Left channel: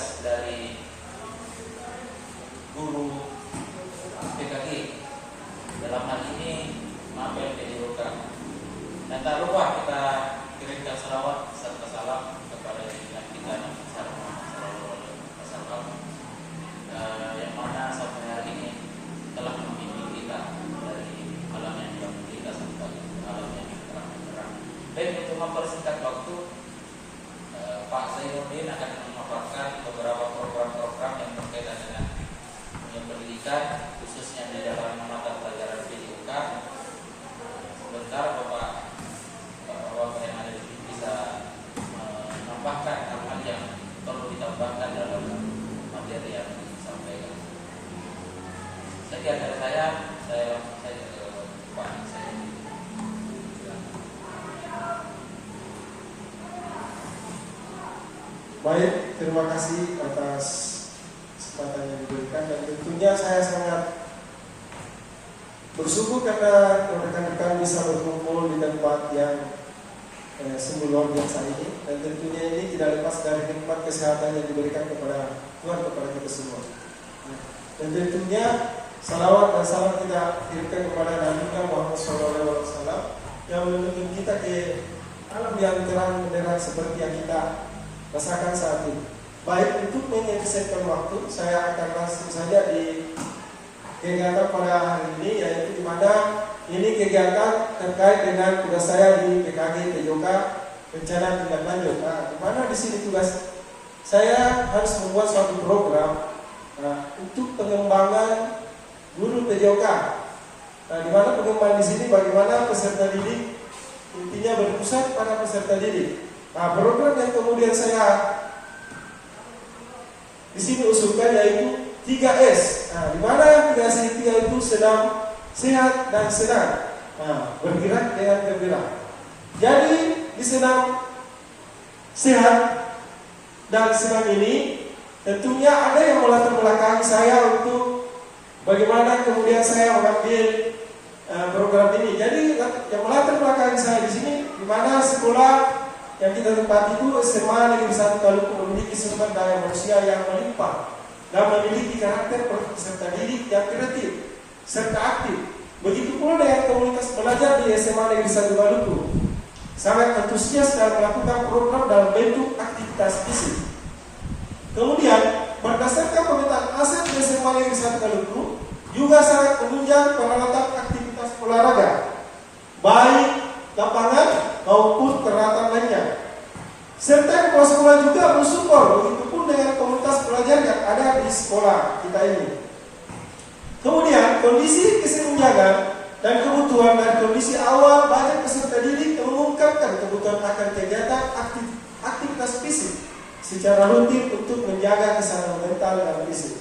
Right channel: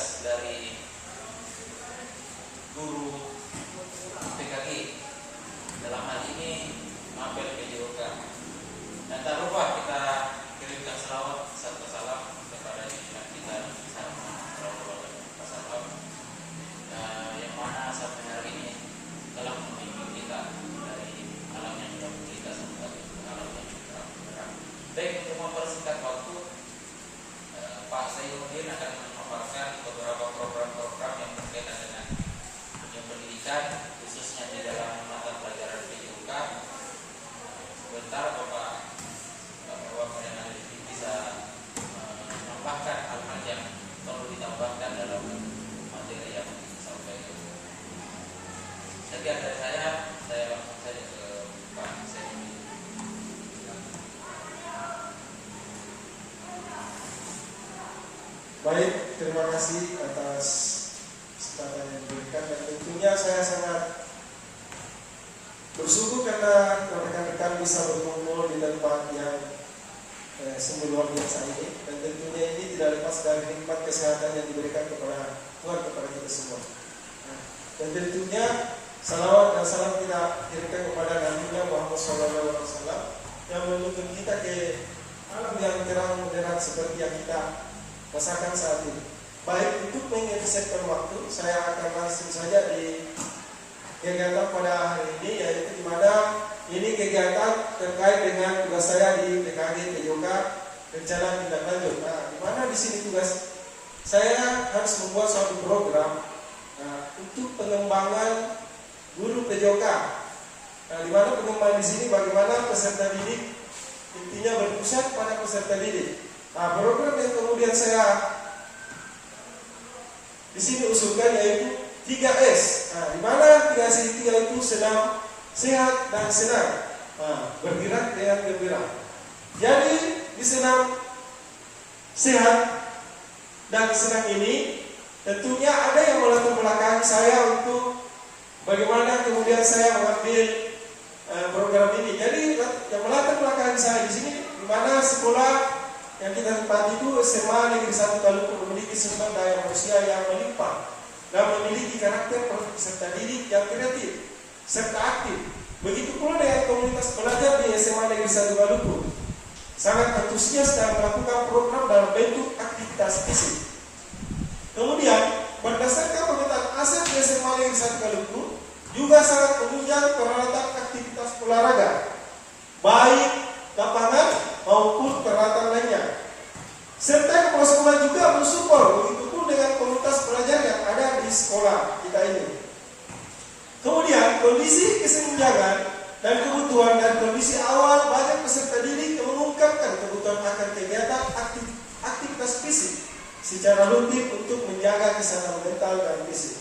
tugas dari guru PKG dalam hal ini apel PJOK. Dan tak lupa kita kirimkan salawat serta salam kepada junjungan kita Nabi Muhammad yang mana sampai hari ini telah membimbing kita dari alam yang tidak kita sampai alam yang terang. Baik, untuk mempersingkat waktu, Pak Zainuddin akan memaparkan beberapa program-program yang berkaitan dengan dunia pendidikan, khususnya di dalam mata pelajaran PJOK. Sebentar Bapak yang ada di sini bisa menambahkan hal-hal yang perlu ditambahkan dalam materi yang disampaikan. Sekian dari saya langsung saja ke Pak Zainuddin. Baik, terima kasih atas kesempatan yang diberikan, dan tentunya saya sangat bersyukur karena rekan-rekan bisa berkumpul di tempat yang sungguh luar biasa ini, dan tentunya ini tidak lepas dari nikmat kesehatan yang diberikan kepada Tuhan kepada kita semua. Dan tentunya salawat dan salam kita kirimkan kepada Nabi Muhammad SAW yang menuntun kita ke alam yang terang benderang seperti yang kita rasakan saat ini. Baik, untuk mengefisienkan waktu, saya akan langsung saja di kegiatan pada hari ini, yaitu di mana ini kegiatan terkait dengan tugas saya di PKG PJOK, rencana tindak lanjut. Di mana di sini tugas saya harus membuat suatu program untuk pengembangan guru PJOK. Di mana pengembangan di sini bagaimana peserta didik intinya berpusat pada peserta didik. Program yang kemudian saya di sini usulkan yaitu 3S. Di mana 3S itu yaitu senam, sehat, dan senang. Bergerak dengan gembira. Jadi di senam, sehat, dan senang ini tentunya ada yang melatar belakangi saya untuk bagaimana kemudian saya mengambil program ini. Jadi yang melatar belakangi saya di sini di mana sekolah yang kita tempati itu SMA Negeri 1 Maluku memiliki sumber daya manusia yang melimpah dan memiliki karakter peserta didik yang kreatif serta aktif. Begitu pula dengan komunitas pelajar di SMA Negeri 1 Maluku, sangat antusias dalam melakukan program dalam bentuk aktivitas fisik. Kemudian berdasarkan pemetaan aset di SMA Negeri 1 Maluku juga sangat menunjang peralatan aktivitas olahraga, baik lapangan maupun peralatan lainnya. Serta kepala sekolah juga mensupport, begitupun dengan komunitas pelajar yang ada di sekolah kita ini. Kemudian kondisi kesenjangan dan kebutuhan dan kondisi awal banyak peserta didik yang mengungkapkan kebutuhan akan kegiatan aktivitas fisik secara rutin untuk menjaga kesehatan mental dan fisik.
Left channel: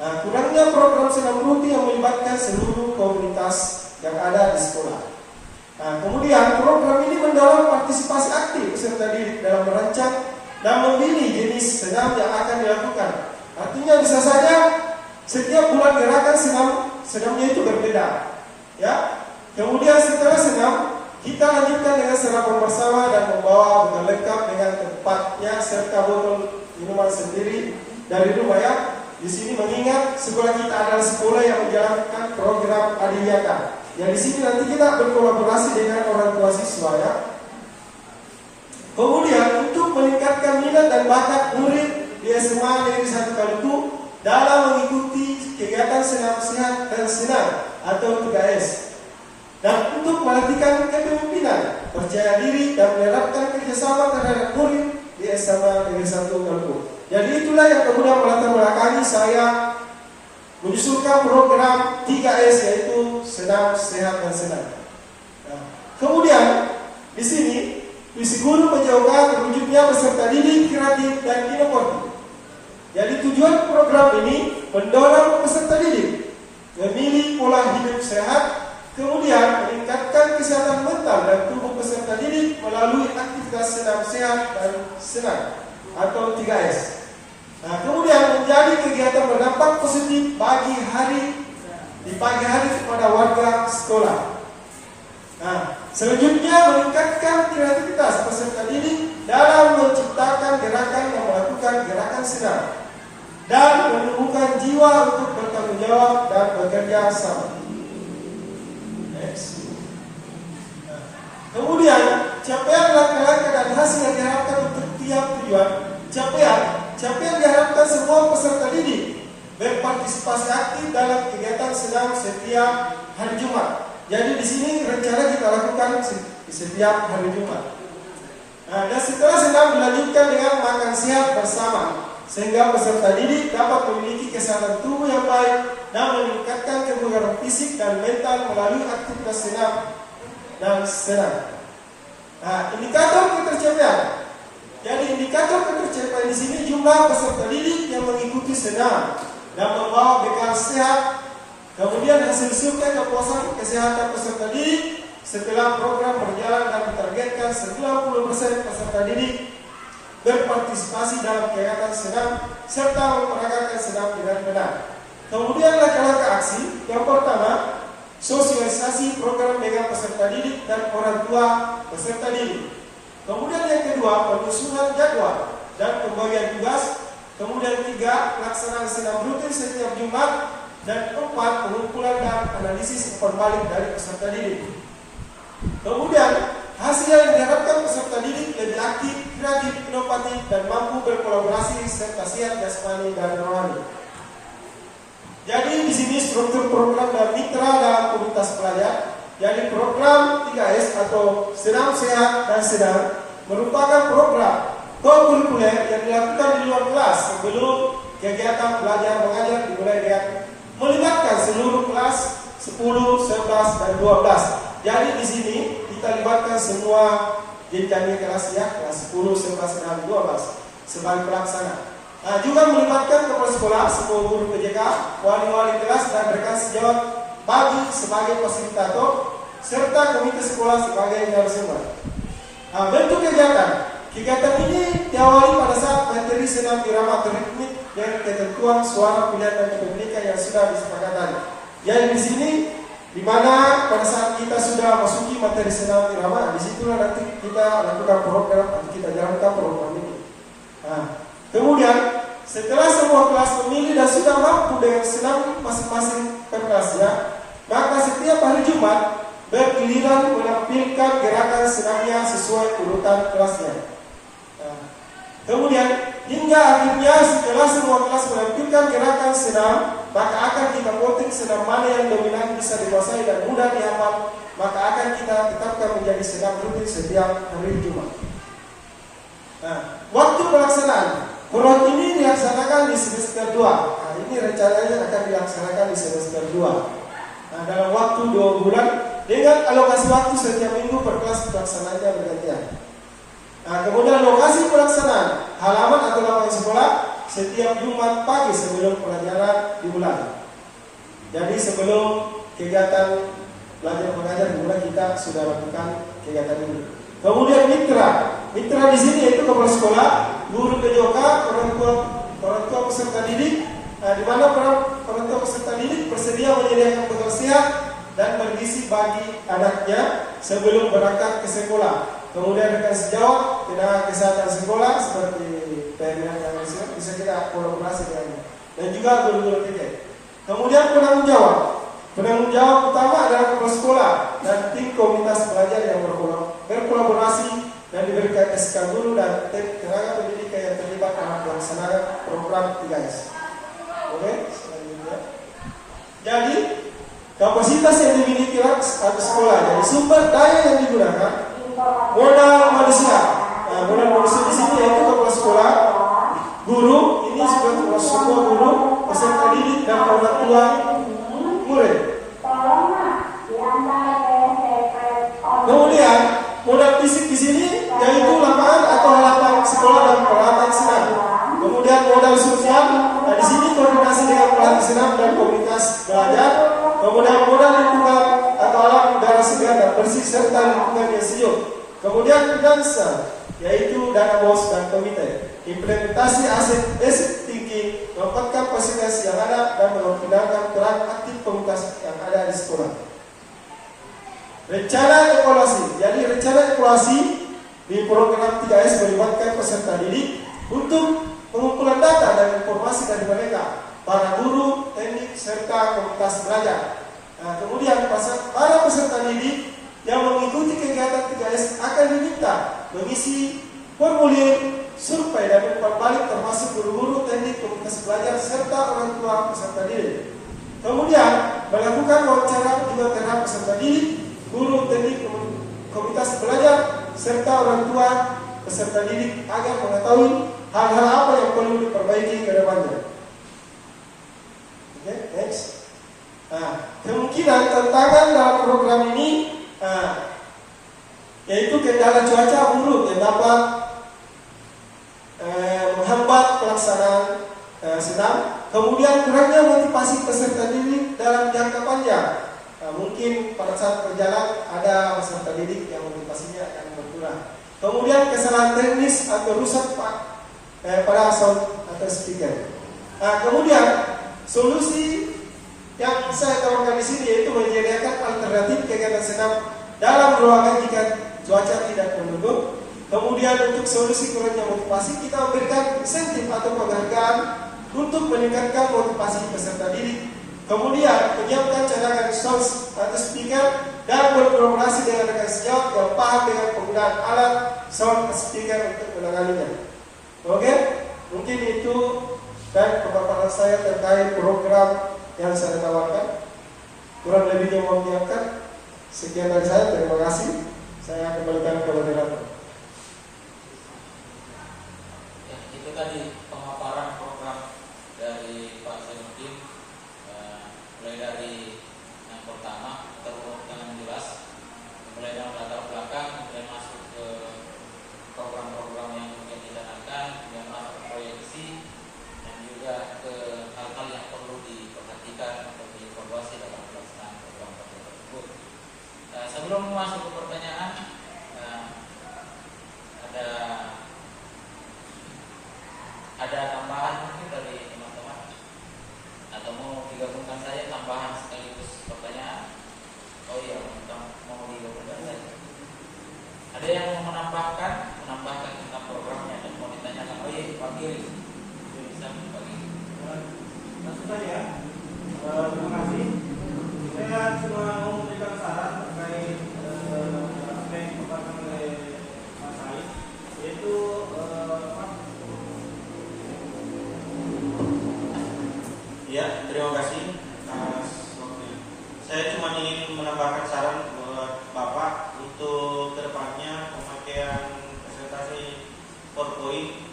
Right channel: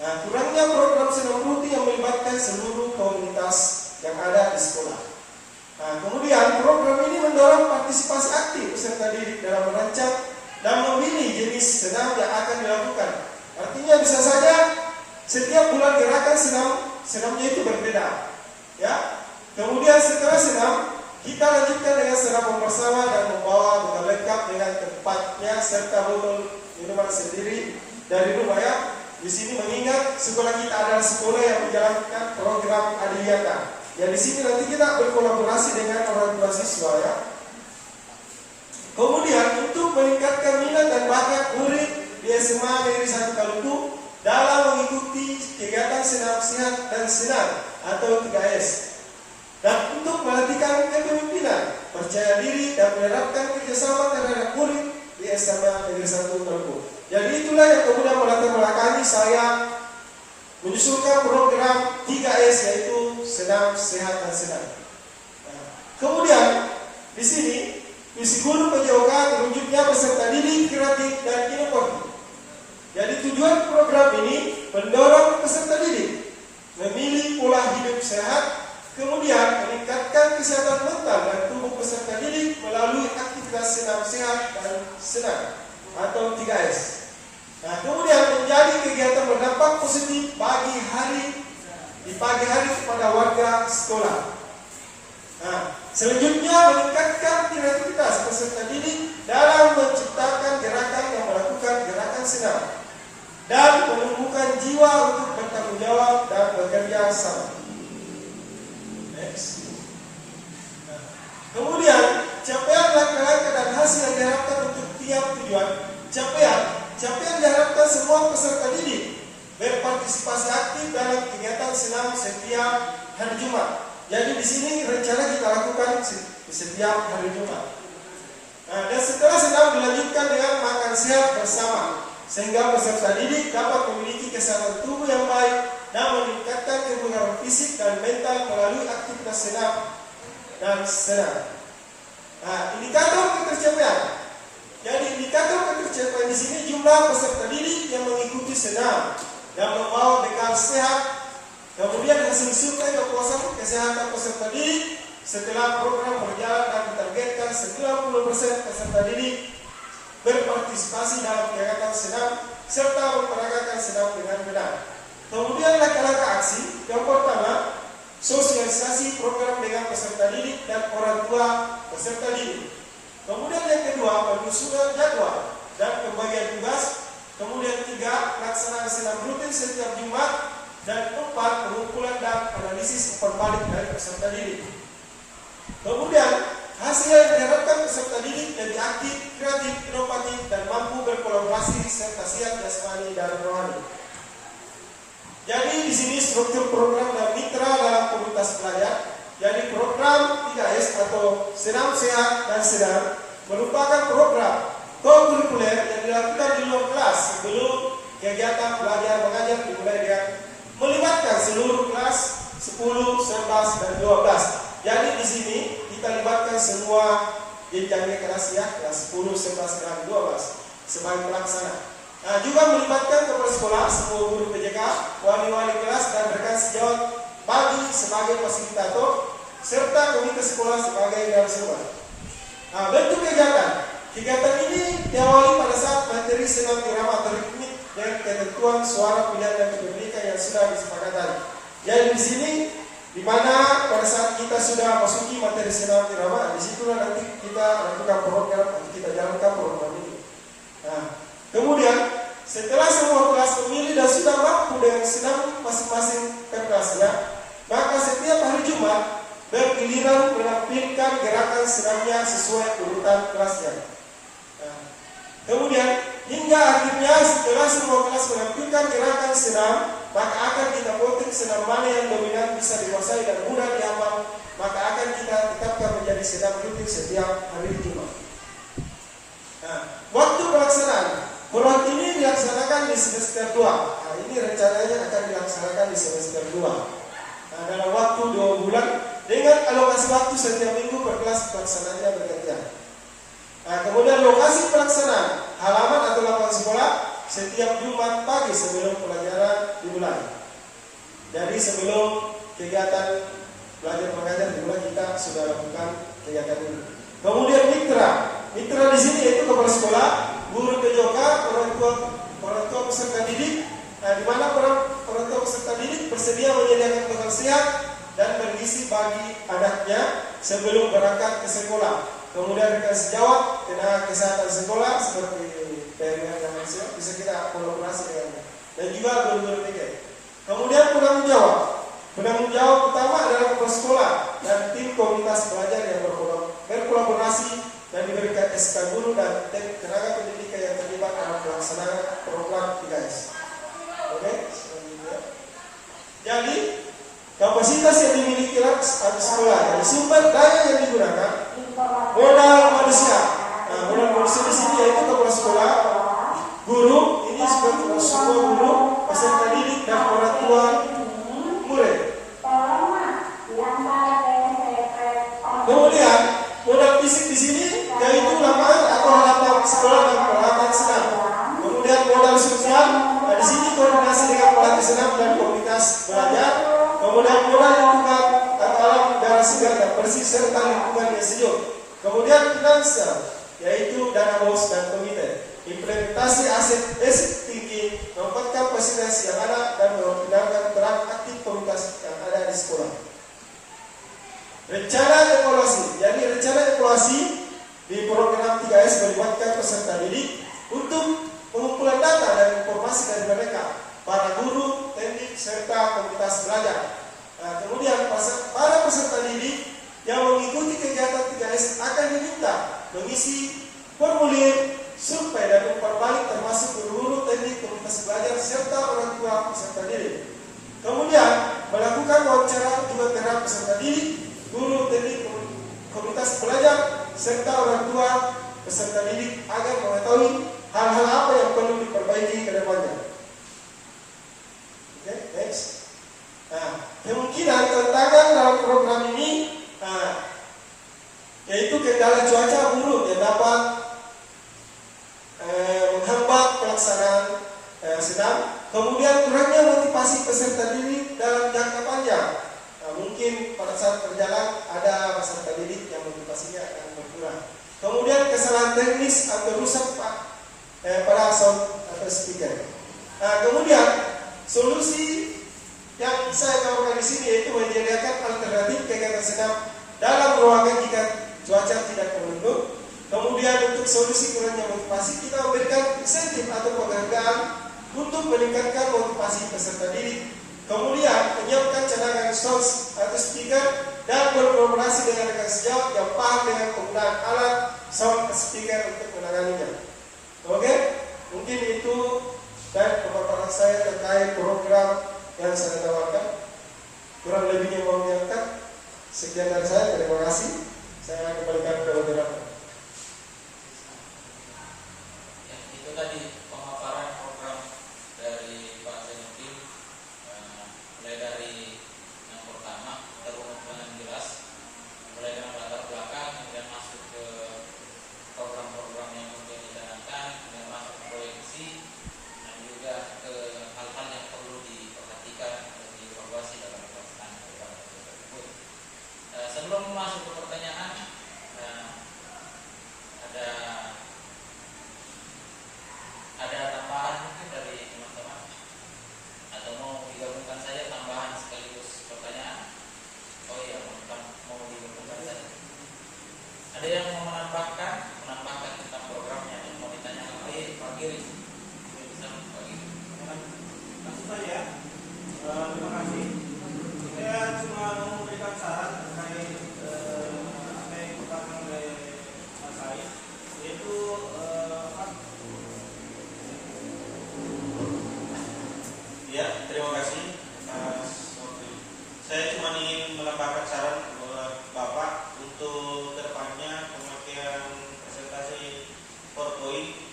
Kurangnya program senam rutin yang melibatkan seluruh komunitas yang ada di sekolah. Kemudian program ini mendorong partisipasi aktif peserta didik dalam merancang dan memilih jenis senam yang akan dilakukan. Artinya bisa saja setiap bulan gerakan senamnya itu berbeda. Ya. Kemudian setelah senam kita lanjutkan dengan sarapan bersama dan membawa bekal lengkap dengan tempatnya serta botol minuman sendiri dari rumah ya. Di sini mengingat sekolah kita adalah sekolah yang menjalankan program Adiwiyata. Ya, di sini nanti kita berkolaborasi dengan orang tua siswa ya. Kemudian untuk meningkatkan minat dan bakat murid di SMA Negeri 1 Maluku dalam mengikuti kegiatan senam sehat dan senam atau 3S. Dan untuk melatihkan kepemimpinan, percaya diri dan menerapkan kerjasama terhadap murid di SMA Negeri 1 Maluku. Jadi itulah yang kemudian melatar belakangi saya menyusulkan program 3S yaitu senam, sehat, dan senang. Kemudian di sini visi guru PJOK terwujudnya peserta didik kreatif dan inovatif. Jadi tujuan program ini mendorong peserta didik memilih pola hidup sehat, kemudian meningkatkan kesehatan mental dan tubuh peserta didik melalui aktivitas senam, sehat, dan senang atau 3S. Kemudian menjadi kegiatan berdampak positif di pagi hari kepada warga sekolah. Selanjutnya, meningkatkan kreativitas peserta didik dalam menciptakan gerakan yang melakukan gerakan senam dan menumbuhkan jiwa untuk bertanggung jawab dan bekerja sama. Next. Kemudian, capaian langkah-langkah dan hasil yang diharapkan untuk tiap tujuan. Capaian diharapkan semua peserta didik berpartisipasi aktif dalam kegiatan senam setiap hari Jumat. Jadi di sini rencana kita lakukan setiap hari Jumat. Dan setelah senam dilanjutkan dengan makan sehat bersama, sehingga peserta didik dapat memiliki kesehatan tubuh yang baik dan meningkatkan kebugaran fisik dan mental melalui aktivitas senam dan senam. Indikator ketercapaian. Jadi indikator ketercapaian di sini jumlah peserta didik yang mengikuti senam dan membawa bekal sehat. Kemudian hasil survei kepuasan kesehatan peserta didik setelah program berjalan dan ditargetkan 90% peserta didik berpartisipasi dalam kegiatan senam serta memperagakan senam dengan benar. Kemudian langkah-langkah aksi. Yang pertama, sosialisasi program dengan peserta didik dan orang tua peserta didik. Kemudian yang kedua, penyusunan jadwal dan pembagian tugas. Kemudian 3, pelaksanaan senam rutin setiap Jumat. Dan 4, pengumpulan dan analisis umpan balik dari peserta didik. Kemudian, hasil yang diharapkan peserta didik lebih aktif, kreatif, inovatif, dan mampu berkolaborasi serta sehat jasmani dan rohani. Jadi di sini struktur program dan mitra dalam komunitas pelajar. Jadi program 3S atau senam sehat dan sedang merupakan program kurikuler yang dilakukan di luar kelas sebelum kegiatan belajar mengajar dimulai dengan melibatkan seluruh kelas 10, 11, dan 12. Jadi di sini kita libatkan semua jenjang kelas ya, kelas 10, 11, dan 12 sebagai pelaksana. Juga melibatkan kepala sekolah, semua guru PJK, wali-wali kelas, dan rekan sejawat bagi sebagai fasilitator, serta komite sekolah sebagai narasumber. Bentuk kegiatan. Kegiatan ini diawali pada saat materi senam irama ritmik dan ketentuan suara pilihan dan kepemilikan yang sudah disepakati. Jadi di sini, di mana pada saat kita sudah masuki materi senam irama, disitulah nanti kita lakukan program, kita jalankan program ini. Kemudian setelah semua kelas memilih dan sudah mampu dengan senam masing-masing per kelasnya, maka setiap hari Jumat bergiliran menampilkan gerakan senamnya sesuai urutan kelasnya. Kemudian hingga akhirnya setelah semua kelas menampilkan gerakan senam, maka akan kita voting senam mana yang dominan bisa dikuasai dan mudah dihafal, maka akan kita tetapkan menjadi senam rutin setiap hari Jumat. Waktu pelaksanaan program ini dilaksanakan di semester 2. Ini rencananya akan dilaksanakan di semester 2. Dalam waktu 2 bulan dengan alokasi waktu setiap minggu per kelas pelaksanaannya bergantian. Kemudian lokasi pelaksanaan halaman atau lapangan sekolah setiap Jumat pagi sebelum pelajaran dimulai. Jadi sebelum kegiatan belajar mengajar dimulai kita sudah lakukan kegiatan ini. Kemudian mitra di sini yaitu kepala sekolah, guru PJK, orang tua peserta didik, di mana orang tua peserta didik bersedia menyediakan bekal sehat dan bergizi bagi anaknya sebelum berangkat ke sekolah. Kemudian rekan sejawat, tenaga kesehatan sekolah seperti PMR dan lain-lain bisa kita kolaborasi dengannya. Dan juga guru-guru TK. Kemudian penanggung jawab utama adalah kepala sekolah dan tim komunitas pelajar yang berkolaborasi dan diberikan SK guru dan tenaga pendidikan yang terlibat dalam pelaksanaan program 3S. Oke, selanjutnya. Jadi kapasitas yang dimiliki sekolah, jadi sumber daya yang digunakan. Modal manusia di sini yaitu kepala sekolah, guru, ini seperti semua guru, peserta didik dan orang tua murid. Kemudian modal fisik di sini yaitu lapangan atau halaman sekolah dan peralatan senam. Kemudian modal sosial, di sini koordinasi dengan pelatih senam dan komunitas belajar. Kemudian modal lingkungan atau alam udara segar dan bersih serta lingkungan yang sejuk. Kemudian finansial, yaitu dana bos dan komite. Implementasi aset tinggi, menempatkan fasilitas yang ada dan menggunakan peran aktif komunitas yang ada di sekolah. rencana evaluasi. Jadi rencana evaluasi di program 3S melibatkan peserta didik untuk pengumpulan data dan informasi dari mereka, para guru, teknik, serta komunitas belajar. Nah, kemudian para peserta didik yang mengikuti kegiatan 3S akan diminta mengisi formulir survei dan umpan balik termasuk guru-guru, teknik, komunitas belajar, serta orang tua peserta didik. Kemudian melakukan wawancara juga terhadap peserta didik, guru, teknik, komunitas belajar, serta orang tua peserta didik agar mengetahui hal-hal apa yang perlu diperbaiki ke depannya. Oke, next. Nah, kemungkinan tantangan dalam program ini yaitu kendala cuaca buruk yang dapat menghambat pelaksanaan senam. Kemudian kurangnya motivasi peserta didik dalam jangka panjang. Mungkin pada saat berjalan ada peserta didik yang motivasinya akan berkurang. Kemudian kesalahan teknis atau rusak pada sound atau speaker. Kemudian solusi yang saya tawarkan di sini yaitu menyediakan alternatif kegiatan senam dalam ruangan jika cuaca tidak mendukung. Kemudian untuk solusi kurangnya motivasi, kita memberikan insentif atau penghargaan untuk meningkatkan motivasi peserta didik. Kemudian menyiapkan cadangan sound atau speaker dan berkolaborasi dengan rekan sejawat yang paham dengan penggunaan alat sound speaker untuk menanganinya. Oke, mungkin itu dan pemaparan saya terkait program yang saya tawarkan. Kurang lebihnya mohon diangkat. Sekian dari saya, terima kasih. Saya kembalikan ke moderator. Ya, itu tadi pemaparan program dari Pak Zainuddin, mulai dari yang pertama terurut dengan jelas, mulai dari latar belakang, kemudian masuk ke program-program yang kemudian dicanangkan, kemudian masuk ke proyeksi, dan juga ke hal-hal yang perlu diperhatikan atau dievaluasi dalam pelaksanaan program tersebut. Sebelum masuk ke pertanyaan, ada tambahan mungkin dari teman-teman, atau mau digabungkan saja tambahan sekaligus pertanyaan. Oh iya, mau digabungkan saja. Ada yang mau menambahkan tentang programnya atau mau ditanyakan? Oh iya, Pak Giri, bisa Pak Giri. Langsung saja. Terima kasih. Saya cuma mau memberikan saran terkait apa yang dipaparkan oleh Mas Said, yaitu ya, terima kasih. Saya cuma ingin menambahkan saran buat Bapak untuk kedepannya pemakaian presentasi PowerPoint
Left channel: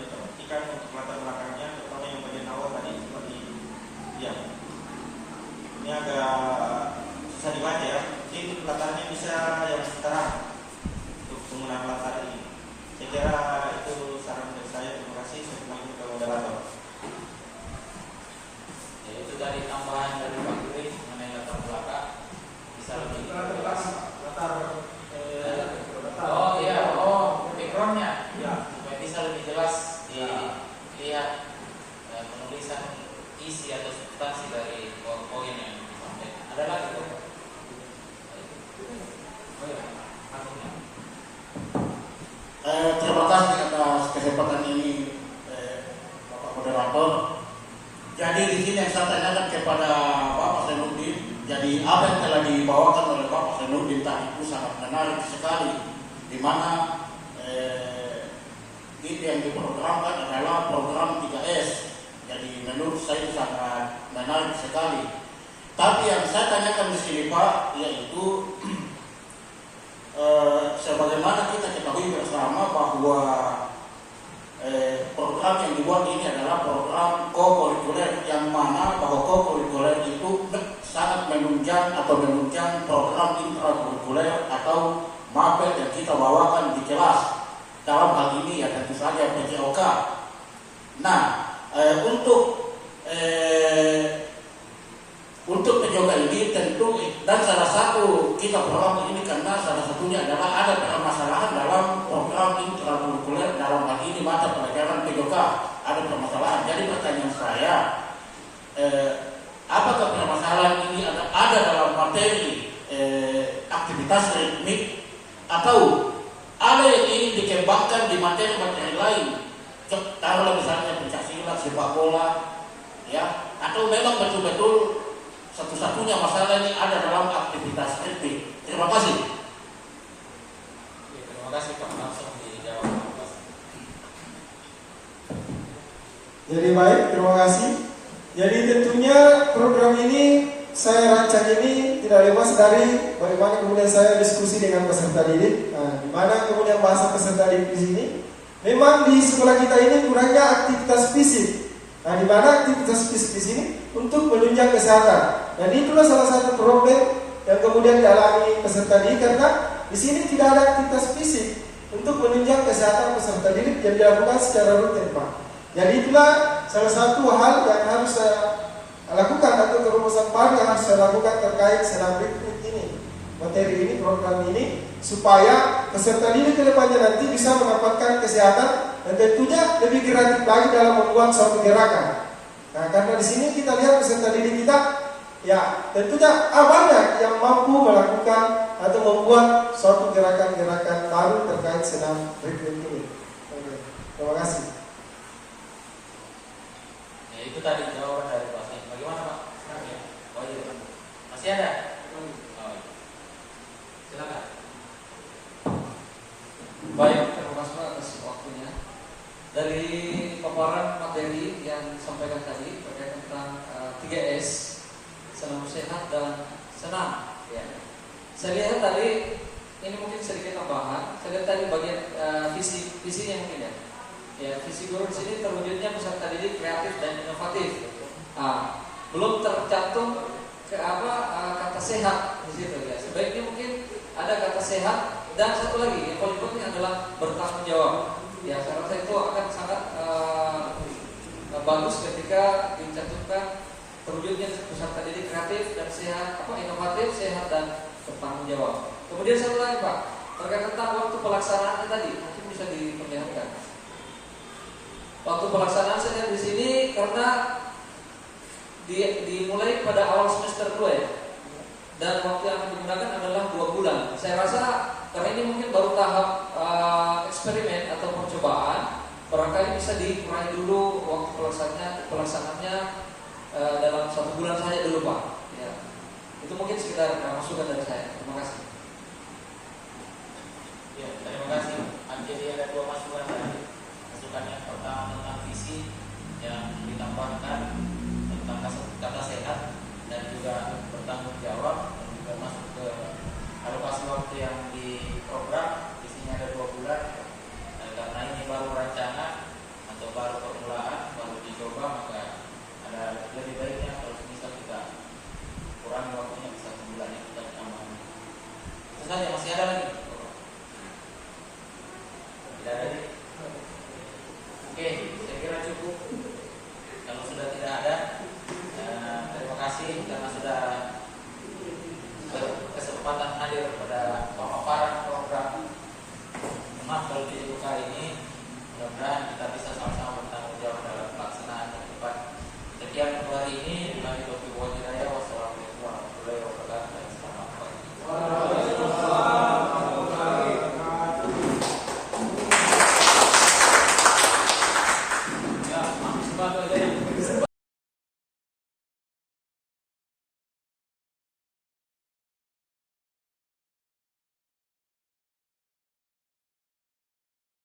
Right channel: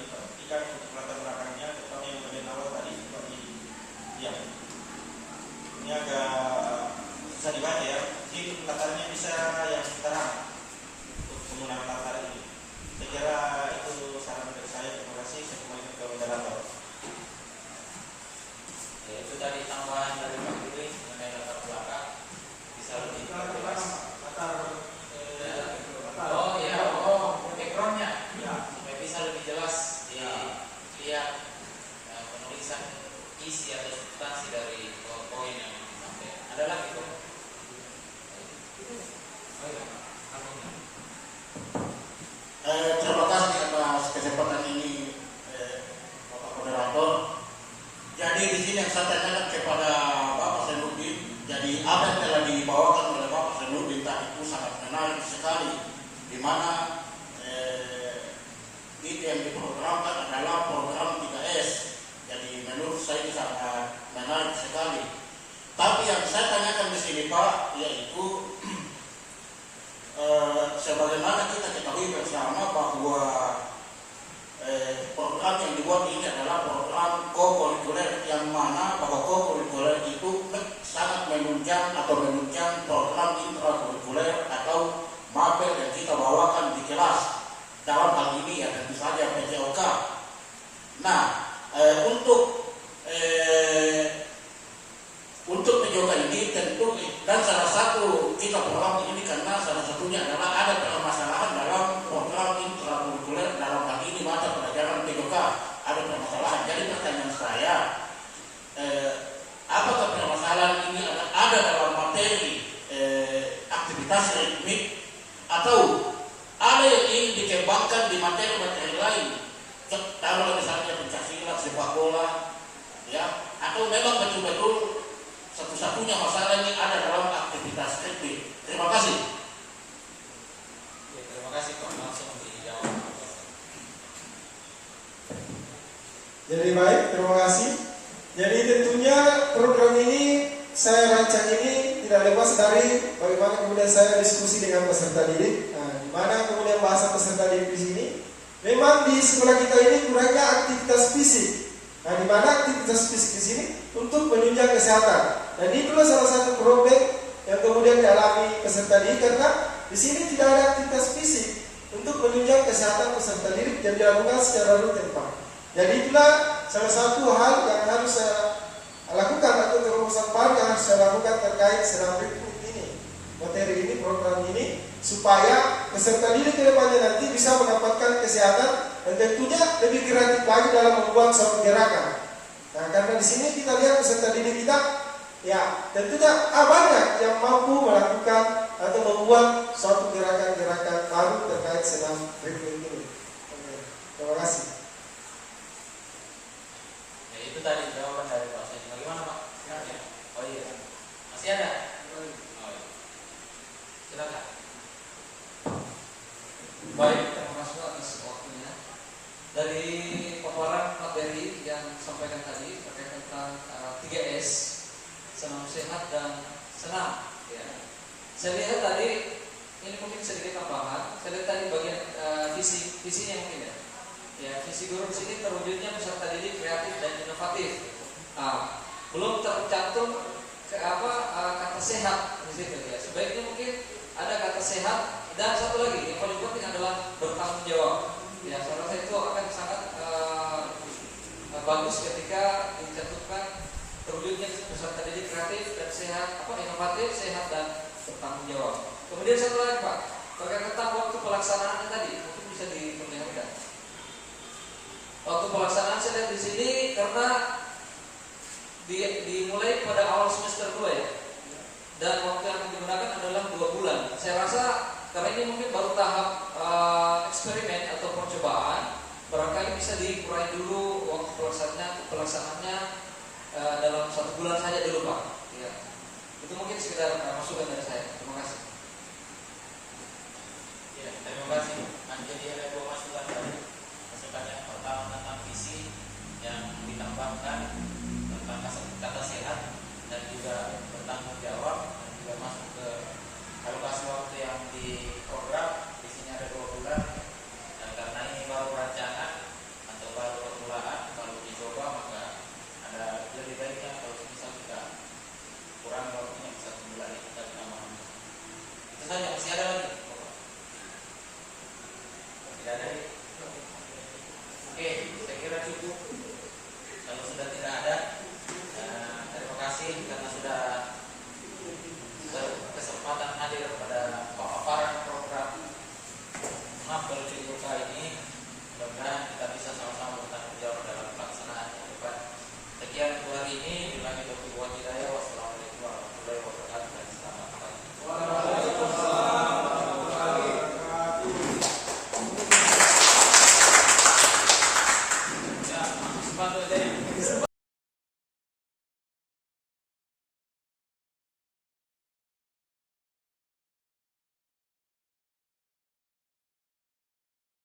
diperhatikan untuk latar belakangnya, terutama yang bagian awal tadi seperti ya. Ini agak susah dibaca ya. Mungkin latarnya bisa yang terang untuk penggunaan latar ini. Saya kira itu saran dari saya. Terima kasih. Saya kembali ke moderator. Ya, itu dari tambahan dari Pak Giri mengenai latar belakang bisa lebih jelas. Oh iya, backgroundnya ya, supaya bisa lebih jelas dilihat penulisan isi atau substansi dari poin yang disampaikan. Ada lagi Pak? Oh iya, artinya. Terima kasih atas kesempatan ini, Bapak Moderator. Jadi di sini yang saya tanyakan kepada Bapak Zainuddin, jadi apa yang telah dibawakan oleh Bapak Zainuddin tadi itu sangat menarik sekali, di mana itu yang diprogramkan adalah program 3S. Jadi menurut saya itu sangat menarik sekali. Tapi yang saya tanyakan di sini Pak, yaitu sebagaimana kita ketahui bersama bahwa program yang dibuat ini adalah program co-curricular, yang mana bahwa co-curricular itu sangat menunjang program intrakurikuler atau mapel yang kita bawakan di kelas. Dalam hal ini ya tentu saja PJOK. Nah, untuk PJOK ini tentu, dan salah satu kita program ini karena salah satunya adalah ada permasalahan dalam program intrakurikuler, dalam hal ini mata pelajaran PJOK ada permasalahan. Jadi pertanyaan saya, apakah permasalahan ini ada dalam materi sepak bola, ya, atau memang betul-betul satu-satunya masalah ini ada dalam aktivitas rugby. Terima kasih. Ya, terima kasih Pak, langsung dijawab. Jadi baik, terima kasih. Jadi tentunya program ini saya rancang ini tidak lepas dari bagaimana kemudian saya diskusi dengan peserta didik. Nah, di mana kemudian bahasa peserta didik di sini, memang di sekolah kita ini kurangnya aktivitas fisik. Nah, di mana aktivitas fisik di sini untuk menunjang kesehatan. Dan itulah salah satu problem yang kemudian dialami peserta didik karena di sini tidak ada aktivitas fisik untuk menunjang kesehatan peserta didik yang dilakukan secara rutin, Pak. Jadi itulah salah satu hal yang harus saya lakukan atau terobosan baru yang harus saya lakukan terkait senam rekrut ini, materi ini, program ini, supaya peserta didik ke depannya nanti bisa mendapatkan kesehatan dan tentunya lebih kreatif lagi dalam membuat suatu gerakan. Nah, karena di sini kita lihat peserta didik kita, ya tentunya banyak yang mampu melakukan atau membuat suatu gerakan-gerakan baru terkait senam rekrut ini. Oke, terima kasih. Ya, itu tadi jawaban dari Pak Said. Bagaimana Pak? Ya. Oh iya. Masih ada? Oh iya. Silakan. Baik, terima kasih Pak atas waktunya. Dari paparan materi yang disampaikan tadi terkait tentang 3S, senam sehat dan senam. Ya. Saya lihat tadi ini mungkin sedikit tambahan. Saya lihat tadi bagian visinya mungkin ya. Ya, visi guru di sini terwujudnya peserta didik kreatif dan inovatif. Belum tercantum kata sehat di situ ya. Sebaiknya mungkin ada kata sehat dan satu lagi yang paling penting adalah bertanggung jawab. Ya, saya rasa itu akan sangat bagus ketika dicantumkan terwujudnya peserta didik kreatif dan sehat, inovatif, sehat dan bertanggung jawab. Kemudian satu lagi Pak, terkait tentang waktu pelaksanaannya tadi mungkin bisa diperlihatkan. Waktu pelaksanaan saya lihat di sini karena dimulai pada awal semester 2 ya. Dan waktu yang digunakan adalah 2 bulan. Saya rasa karena ini mungkin baru tahap eksperimen atau percobaan, barangkali bisa dikurangi dulu waktu pelaksanaannya dalam 1 bulan saja dulu Pak. Ya. Itu mungkin sekedar masukan dari saya. Terima kasih. Ya, terima kasih. Jadi ada 2 masukan tadi. Masukan yang pertama tentang visi yang ditambahkan tentang kata sehat dan juga bertanggung jawab, dan juga masuk ke alokasi waktu yang di program. Di sini ada 2 bulan. Karena ini baru rancangan atau baru permulaan, baru dicoba, maka ada lebih baiknya kalau misal kita kurang waktunya bisa 1 bulan yang kita tambah. Itu saja. Masih ada lagi? Tidak ada lagi. Oke, saya kira cukup. Kalau sudah tidak ada, terima kasih karena sudah berkesempatan hadir pada pemaparan program Mapel Luka ini. Mudah-mudahan